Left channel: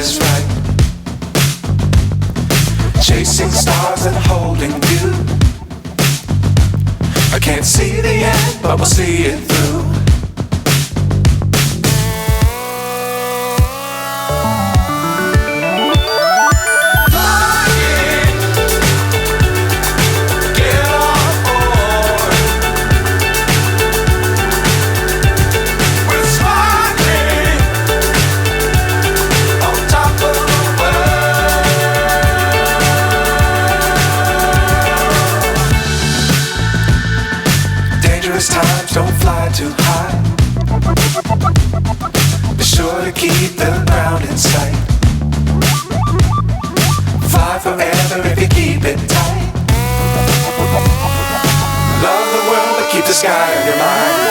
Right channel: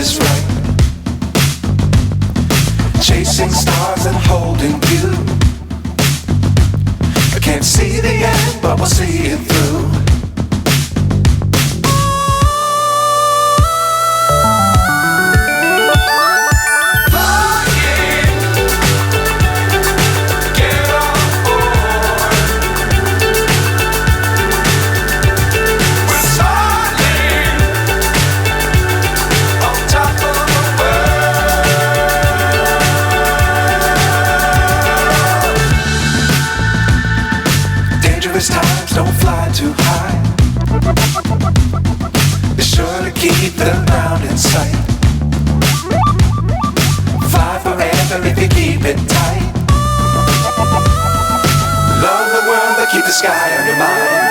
is right. Chasing stars and holding you. I can't see the end, but we'll see it through. Times don't fly too high. Be sure to keep the ground in sight. Fly forever if you keep it tight. Love the world but keep the sky on your mind.